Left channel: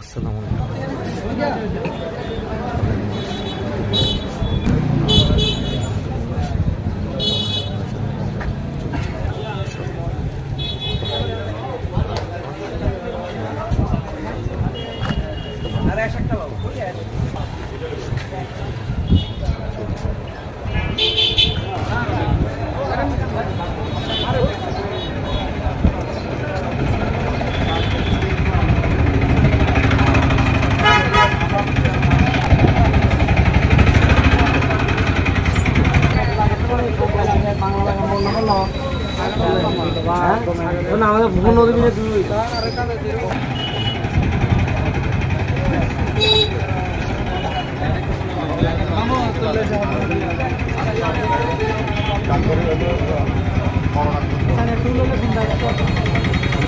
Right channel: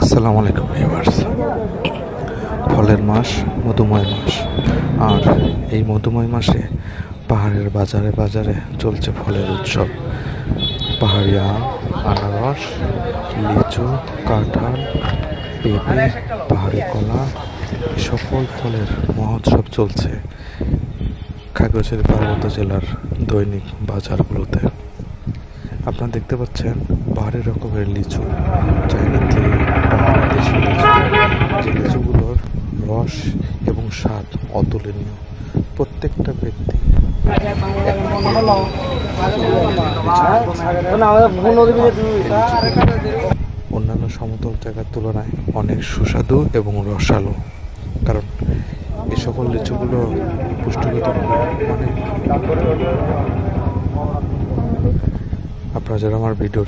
আসসালামু আলাইকুম ভিউয়ার্স। ফলের মাস, মধুময় মাস। আর এই মধুময় মাসে পাহাড়ের বাজারে বাজারে চলছে ফলের উৎসব। পাহাড়ি আম, আনারস, লিচু, কাঁঠাল, পেঁপে, পাহাড়ি কলা, এই সকল ফলের মহোৎসব চলছে কাগজের পর্বত জেলার দৈনিক বাজার হাটে। আপনারা দেখতে পাচ্ছেন পাহাড়ের উপরে লিচু, অন্যান্য সৌন্দর্য দেখতে পারেন অনেক সুস্বাদু এবং রসালো। কারণ এই সকল লিচুগুলো আপনাদের আমার ভিডিও